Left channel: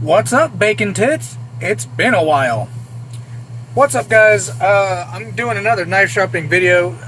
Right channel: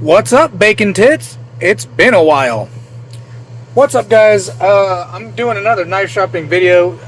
What's up, bacon tits? It's been a while. What's up, guys? I'm doing another knife sharpening video.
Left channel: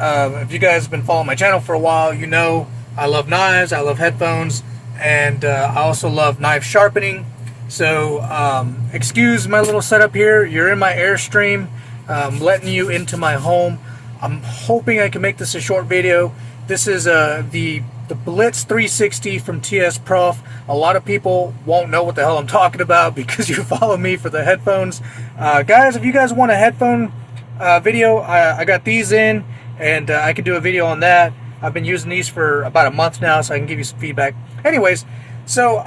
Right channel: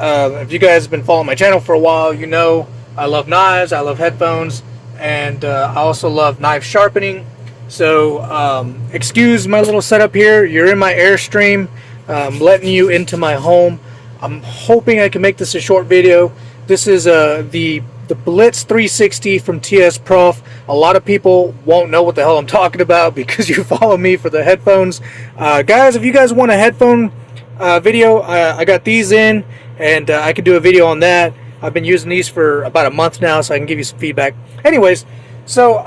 If you guys have been following my channel for a while, you know I love knives, I love headphones, and I also love knife sharpening. So excuse my little setup here. You're in my Airstream. I'm letting you into my home. I'm hoping I can make this a short video. This is the Blitz 360 from TSPROF. A lot of people won't know what the hell I'm talking about because you follow me for the headphones. Guys, if you guys want a headphone video, I got these in, and I can do a video on that. I've been using these for about a month now, so I can give you some feedback. Anyways, so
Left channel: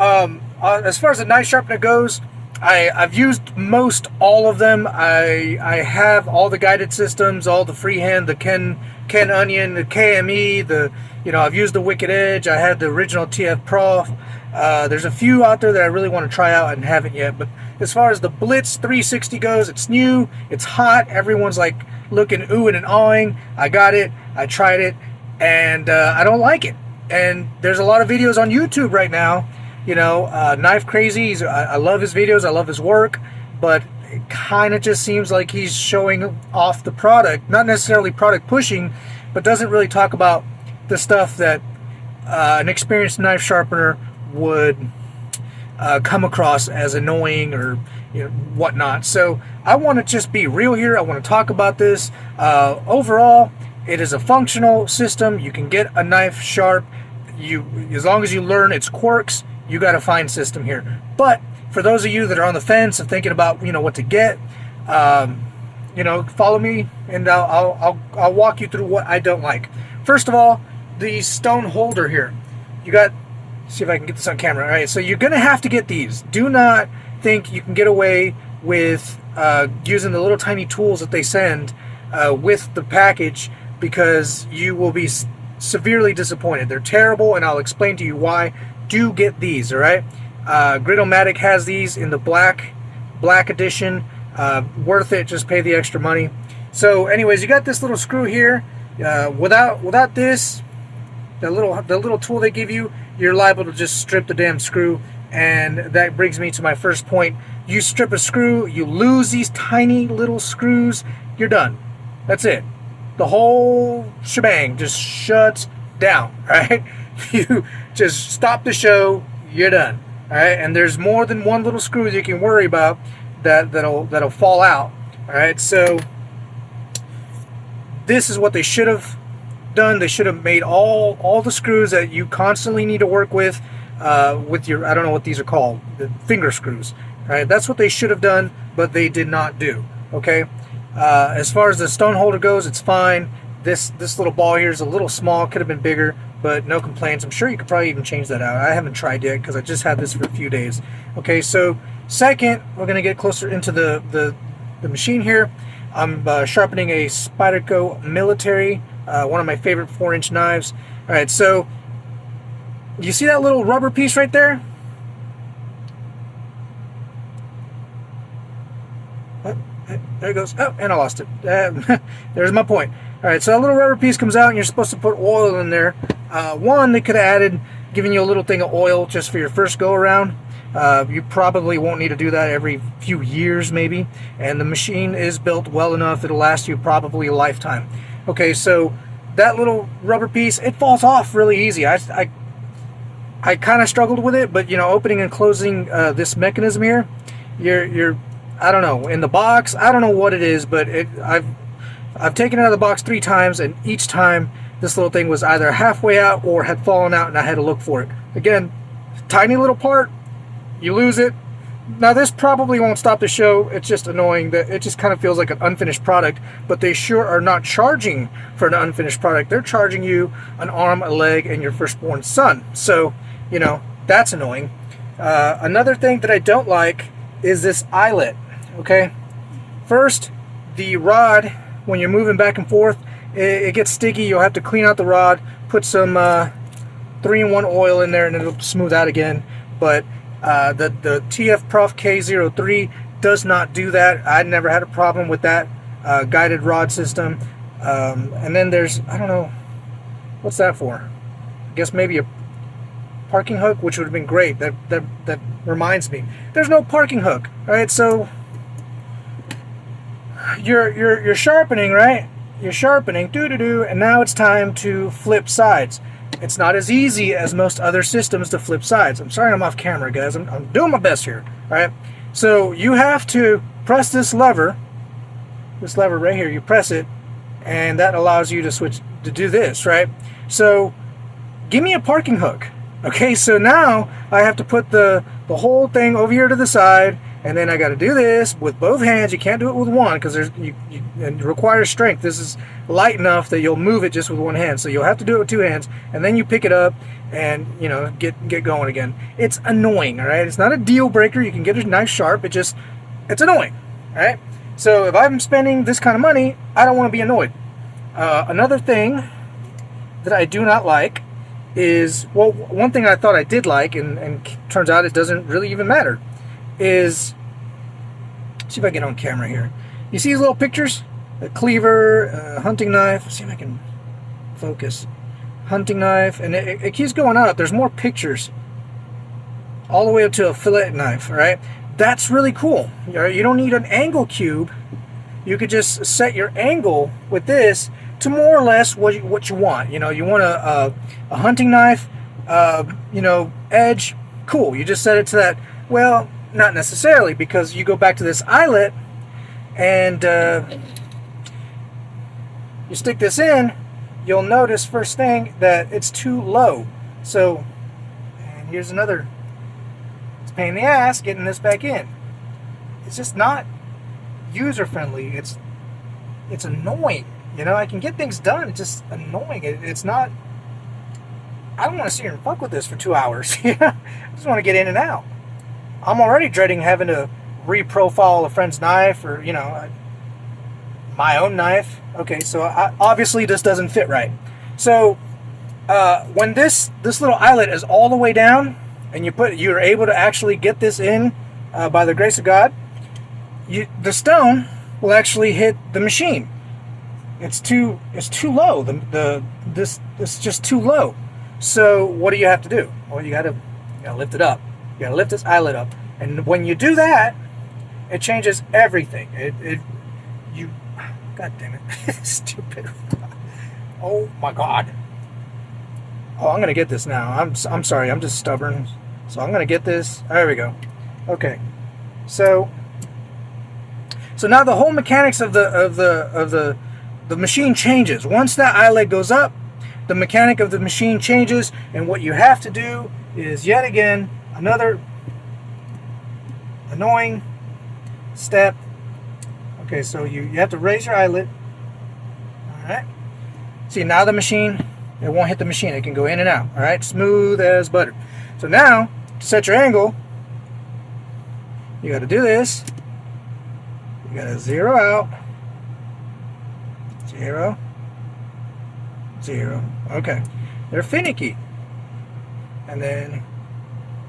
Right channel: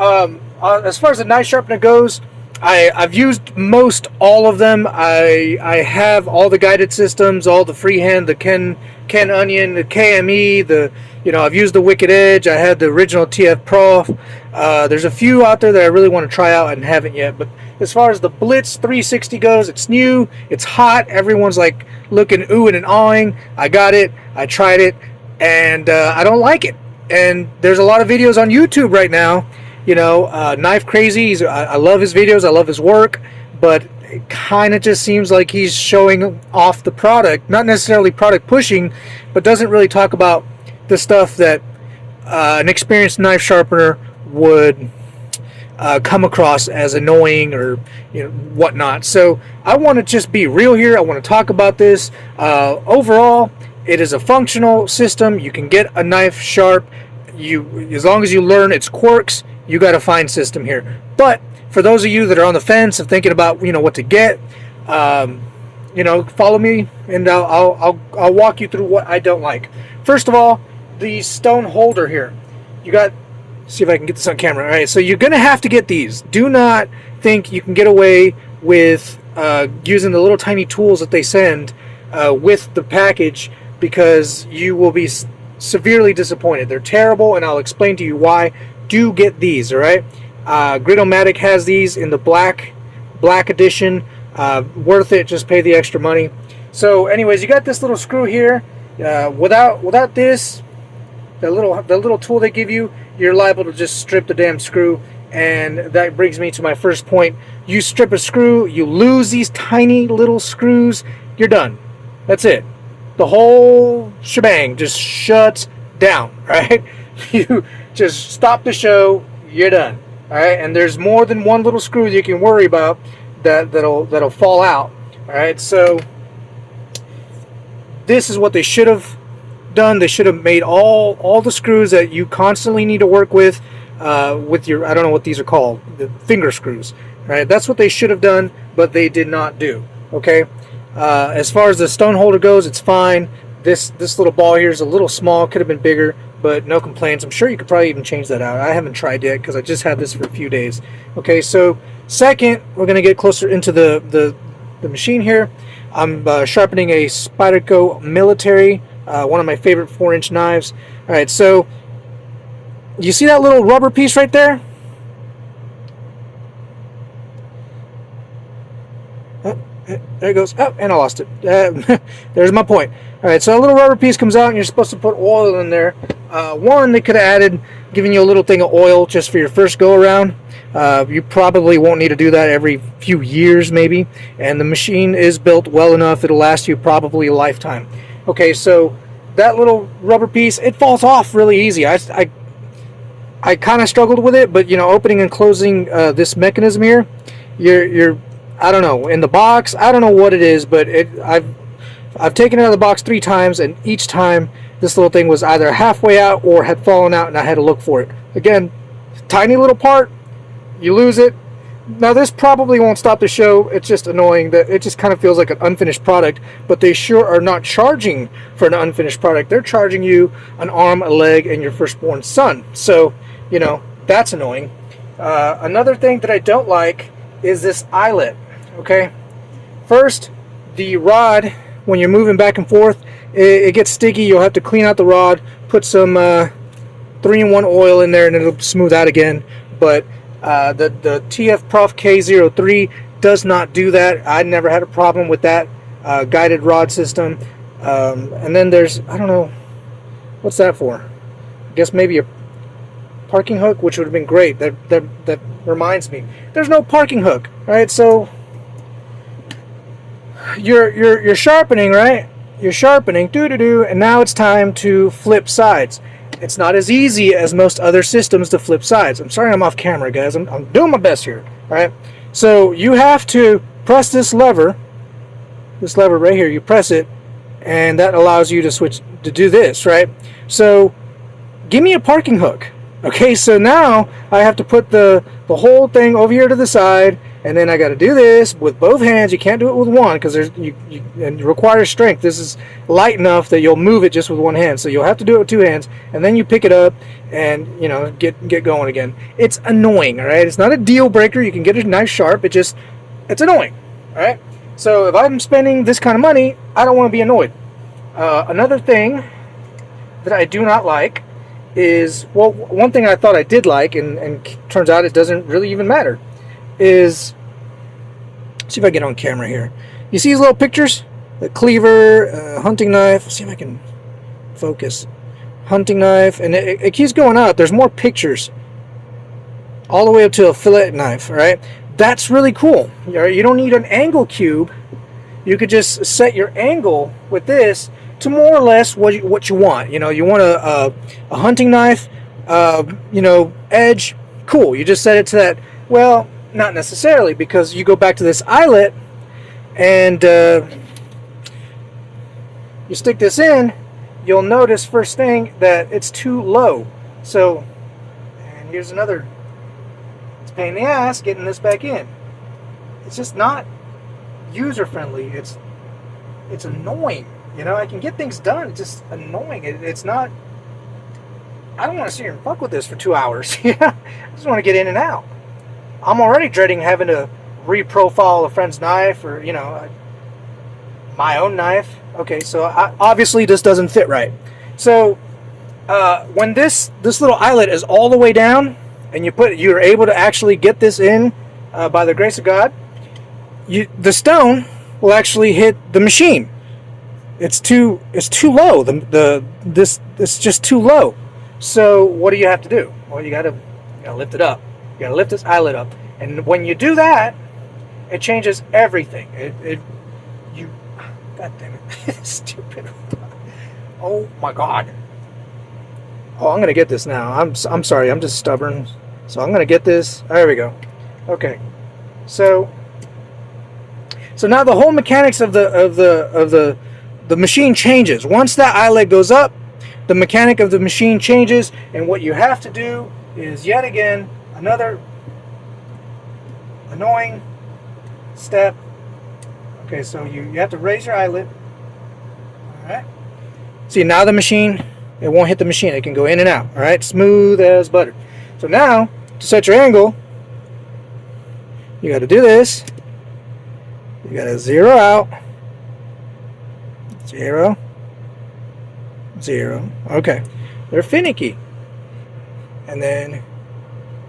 as far as the knife sharpener goes, I've used most all of them. I have all the guided systems, all the freehand, the Ken Onion, the KME, I've used the Wicked Edge. I had the original TF There's a few out there that I really want to try out and haven't yet. But as far as the Blitz 360 goes, it's new, it's hot. Everyone's like looking oohing and awing. I got it, I tried it, and I don't like it. And there's a lot of videos on YouTube right now. Knife Crazy. I love his videos. I love his work, but it kind of just seems like he's showing off the product, not necessarily product pushing, but doesn't really talk about the stuff that an experienced knife sharpener would come across as annoying or whatnot. So I want to just be real here. I want to talk about this. Overall, it is a functional system. You can get a knife sharp. As long as you learn its quirks, you got a fine system here. But for those of you that are on the fence of thinking about what to get, follow me and I'll walk you through what I don't like. First of all, the stone holder here. See if I can get this on camera. All right, so you're gonna have to get these. Do not think you can get away with using the little tiny tools that they send with the package, because you will be severely disappointed. They're terrible, and I'll explain to you why. Do get these, all right? Gridomatic has these in the black edition. Worth it. Just pay the extra money. So, anyways, you got this little screw here. Without this, the little tool they give you, you're liable to just strip the damn screw. And that brings me to my first point. You strip a screw, you lose these tiny little screws, you're done. That's it. The whole shebang just shuts down, right? You just stop the show, you're done. All right, and there's more than one little screw you can worry about that'll fall out. All right, so this is what they should have done. They should have made all the screws that you constantly need to work with your, I don't know what these are called, the finger screws. Right, that's what they should have done, but they did not do. Okay, as far as the stone holder goes, it's fine. This little ball here is a little small, could have been bigger, but no complaints. I'm sure you could probably even change that out. I haven't tried yet because I just had this for a few days. Okay, so second, we're going to get closer into the machine here. I'm sharpening a Spyderco Military, one of my favorite 4-inch knives. All right, so you see that little rubber piece right there? Oh, there it goes. Oh, and I lost it. There's my point. All right, so a little rubber piece comes out, and you're supposed to put oil in there. One, they could have added, giving you a little thing of oil just for your first go-around. You probably won't need to do that every few years, maybe. And the machine is built well enough; it'll last you probably a lifetime. Okay, so that little rubber piece, it falls off really easy. I kind of struggled with it, but opening and closing this mechanism here, you're I don't know, in the box, I don't know what it is, but I've taken it out of the box 3 times, and each time this little thing was either halfway out or had fallen out, and I had to look for it. Again, tiny little part, you lose it. Now this probably won't stop the show. It's just annoying that it just kind of feels like an unfinished product, but they sure are not charging for an unfinished product. They're charging you an arm, a leg, and your firstborn son. So, that's annoying. Another thing that I don't like is this eyelet. Okay, first, the rod, when you're moving back and forth, it gets sticky. You'll have to clean out the rod, put some 3-in-1 oil in there, and it'll smooth out again. But the TSPROF K03 does not do that. I never had a problem with that guided rod system. And then there's, I don't know, what's that for? I guess maybe parking hook, which would have been great. That reminds me, there's no parking hook. All right, so you're sharpening, right? You're sharpening, and now it's time to flip sides. It's not as easy as most other systems to flip sides. I'm sorry I'm off camera, guys. I'm doing my best here. All right, so you have to press this lever right here. You press it, and that allows you to switch to do this, right? So give me a parking hook. Okay, so now I have to put the whole thing over here to the side, and then I got to do this with both hands. You can't do it with one because it requires strength. This is light enough that you'll move it just with one hand. So you'll have to do it with two hands, and then you pick it up and, you know, get going again. It's annoying, all right? It's not a deal breaker. You can get a knife sharp. It's annoying, all right? So if I'm spending this kind of money, I don't want to be annoyed. Another thing that I do not like is, well, one thing I thought I did like, and turns out it doesn't really even matter, is, see if I get on camera here. You see these little pictures? The cleaver, hunting knife. Let's see if I can focus. Hunting knife, and it keeps going up. There's more pictures all the way up to a fillet knife, all right? That's really cool. You don't need an angle cube. You could just set your angle with this to more or less what you want. You know, you want a hunting knife, you know, edge, cool. You just set it to that. Well, not necessarily, because you go back to this eyelet and you stick this in, you'll notice first thing that it's too low. So, and here's another, it's a pain in the ass getting this back in. It's just not user friendly. It's annoying. You know, I can get things done. It's just annoying. It's not, I don't want to sit here and fuck with this for 2 hours. I just want to get in and out. I'm already dreading having to reprofile a friend's knife, or, you know, my own knife. Okay, so obviously this doesn't fit right. So when this little eyelet is all the way down, and you're able to actually get this in by the grace of God, the stone will actually hit the machine. It's too low. It's just too low. So what do you have to do? Well, you gotta lift it up. You gotta lift this eyelet up, and when you do that, it changes everything. God damn it, stupid. Oh my God. Oh, I'm gonna get this now. I'm sorry. I'm just stubborn. So I'm gonna get this. There we go. Okay. So now the whole mechanics of the machine changes. Once that eyelet goes up, the mechanic of the machine changes, and what you have to do is, yet again, another annoying step. Okay, so you have to raise your eyelet. Alright. See, now the machine, it won't hit the machine. It can go in and out. Alright, smooth as butter. So now, to set your angle, you got to do this. You got to zero out. 0, 0. Okay, they're finicky. And then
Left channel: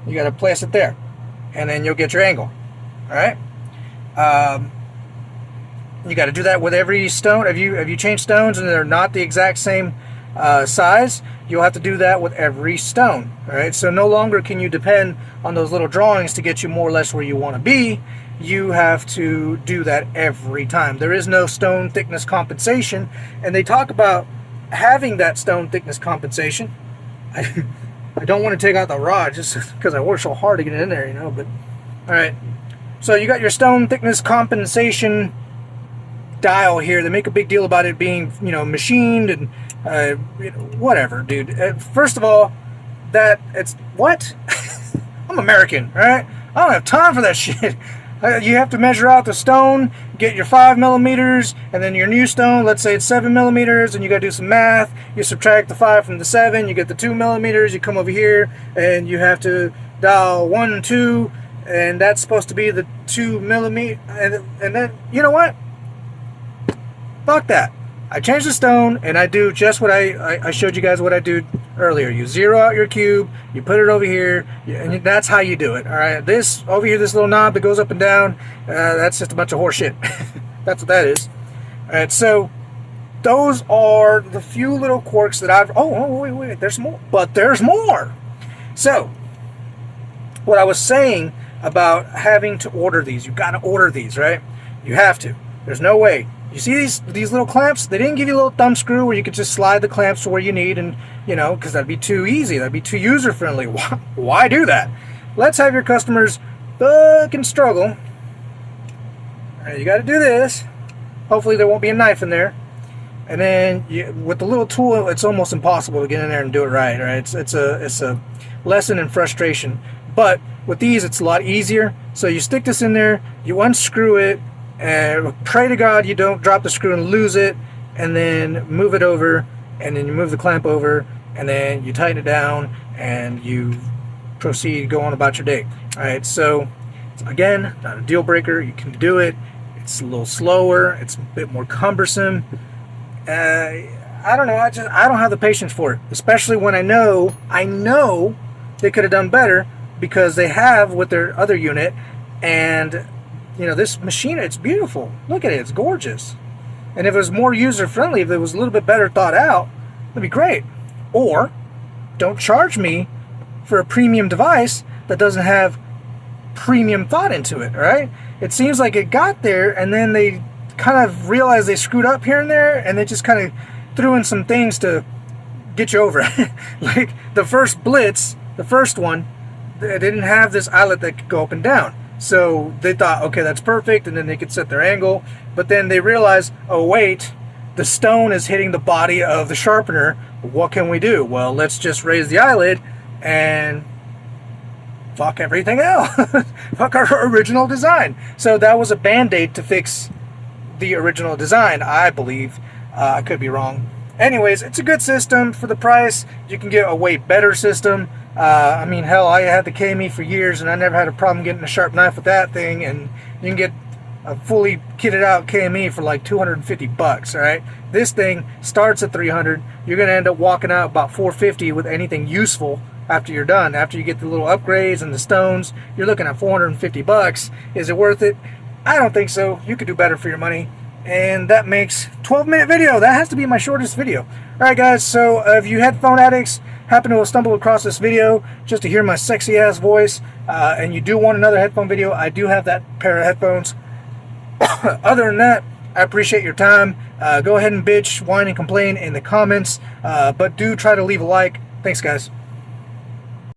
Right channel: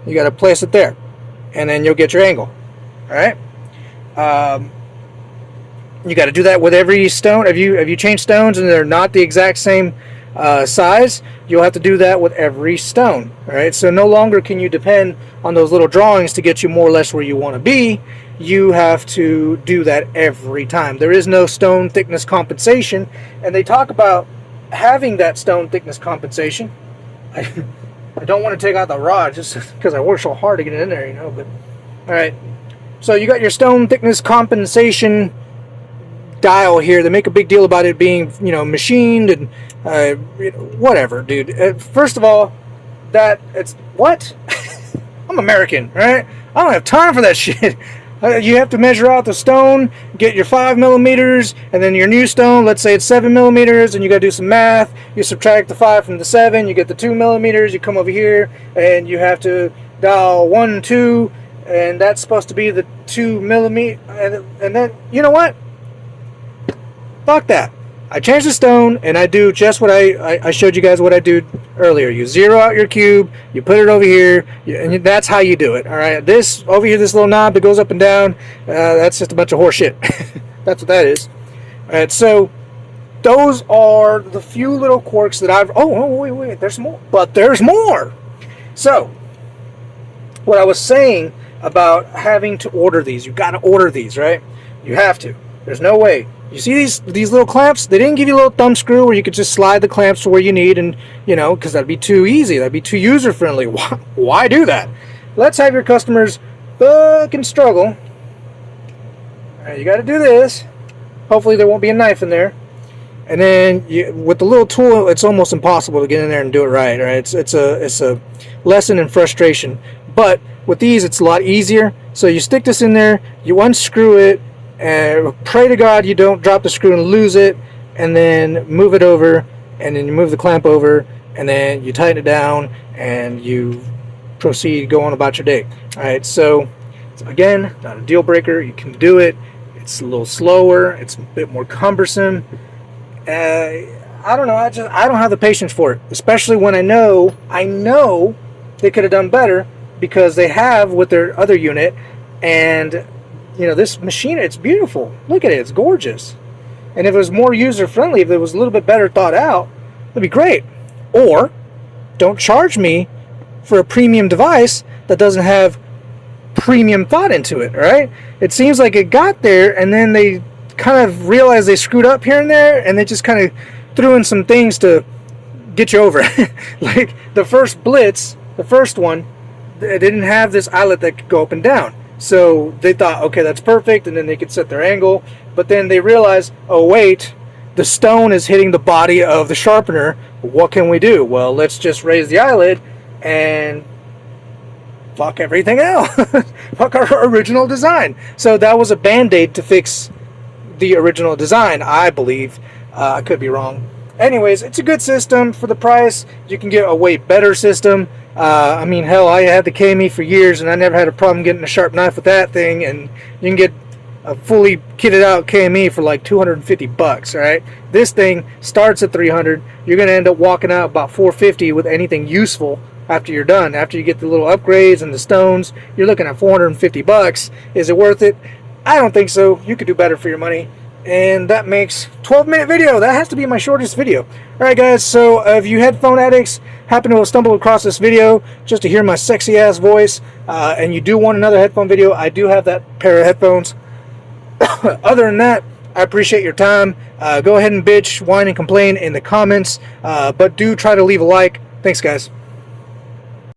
you got to place it there, and then you'll get your angle. All right. You got to do that with every stone. Have you changed stones and they're not the exact same size? You'll have to do that with every stone. All right. So no longer can you depend on those little drawings to get you more or less where you want to be. You have to do that every time. There is no stone thickness compensation, and they talk about having that stone thickness compensation. I don't want to take out the rod just because I work so hard to get it in there, you know. But all right, so you got your stone thickness compensation dial here. They make a big deal about it being, you know, machined and whatever, dude. First of all, it's what? I'm American, right? I don't have time for that shit. You have to measure out the stone, get your 5 millimeters, and then your new stone, let's say it's 7 millimeters, and you got to do some math. You subtract the 5 from the 7, you get the 2 millimeters, you come over here, and you have to dial 1, 2, and that's supposed to be the 2 millimeter, and then, you know what? Fuck that. I change the stone, and I do just what I showed you guys what I did earlier. You zero out your cube, you put it over here, and that's how you do it. All right, this over here, this little knob that goes up and down, that's just a bunch of horse shit. That's what that is. All right, so those are the few little quirks that I've. Oh, wait, there's more. But there's more. So, what I was saying about having to order these, you got to order these, right? You have to. There's no way. You see these little clamps? They didn't give you a little thumb screw where you could just slide the clamps to where you need, and because that'd be too easy. That'd be too user friendly. Why do that? Let's have your customers fucking struggle. All right, you got to do this. Hopefully there won't be a knife in there. And then with the little tool, it's almost impossible to get in there and do it right. Right? It's a lesson in frustration. But with these, it's a lot easier. So you stick this in there, you unscrew it, and pray to God you don't drop the screw and lose it, and then move it over, and then you move the clamp over, and then you tighten it down, and you proceed going about your day. All right. So again, not a deal breaker. You can do it. It's a little slower. It's a bit more cumbersome. I don't know. I don't have the patience for it, especially when I know they could have done better, because they have with their other unit. And this machine, it's beautiful. Look at it. It's gorgeous. And if it was more user friendly, if it was a little bit better thought out, it'd be great. Or don't charge me for a premium device that doesn't have premium thought into it, right? It seems like it got there and then they kind of realized they screwed up here and there, and they just kind of threw in some things to get you over it. Like the first Blitz, the first one, it didn't have this eyelet that could go up and down. So they thought, okay, that's perfect, and then they could set their angle. But then they realized, oh wait, the stone is hitting the body of the sharpener. What can we do? Well, let's just raise the eyelid and fuck everything else. Fuck our original design. So that was a band-aid to fix the original design, I believe. I could be wrong. Anyways, it's a good system for the price. You can get a way better system. I mean, hell, I had the KME for years, and I never had a problem getting a sharp knife with that thing. And you can get a fully kitted out KME for like $250, all right? This thing starts at $300. You're going to end up walking out about $450 with anything useful after you're done. After you get the little upgrades and the stones, you're looking at $450. Is it worth it? I don't think so. You could do better for your money. And that makes 12-minute video. That has to be my shortest video. Alright guys, so if you headphone addicts happen to have stumbled across this video just to hear my sexy ass voice, and you do want another headphone video, I do have that pair of headphones. Other than that, I appreciate your time. Go ahead and bitch, whine, and complain in the comments, but do try to leave a like. Thanks guys.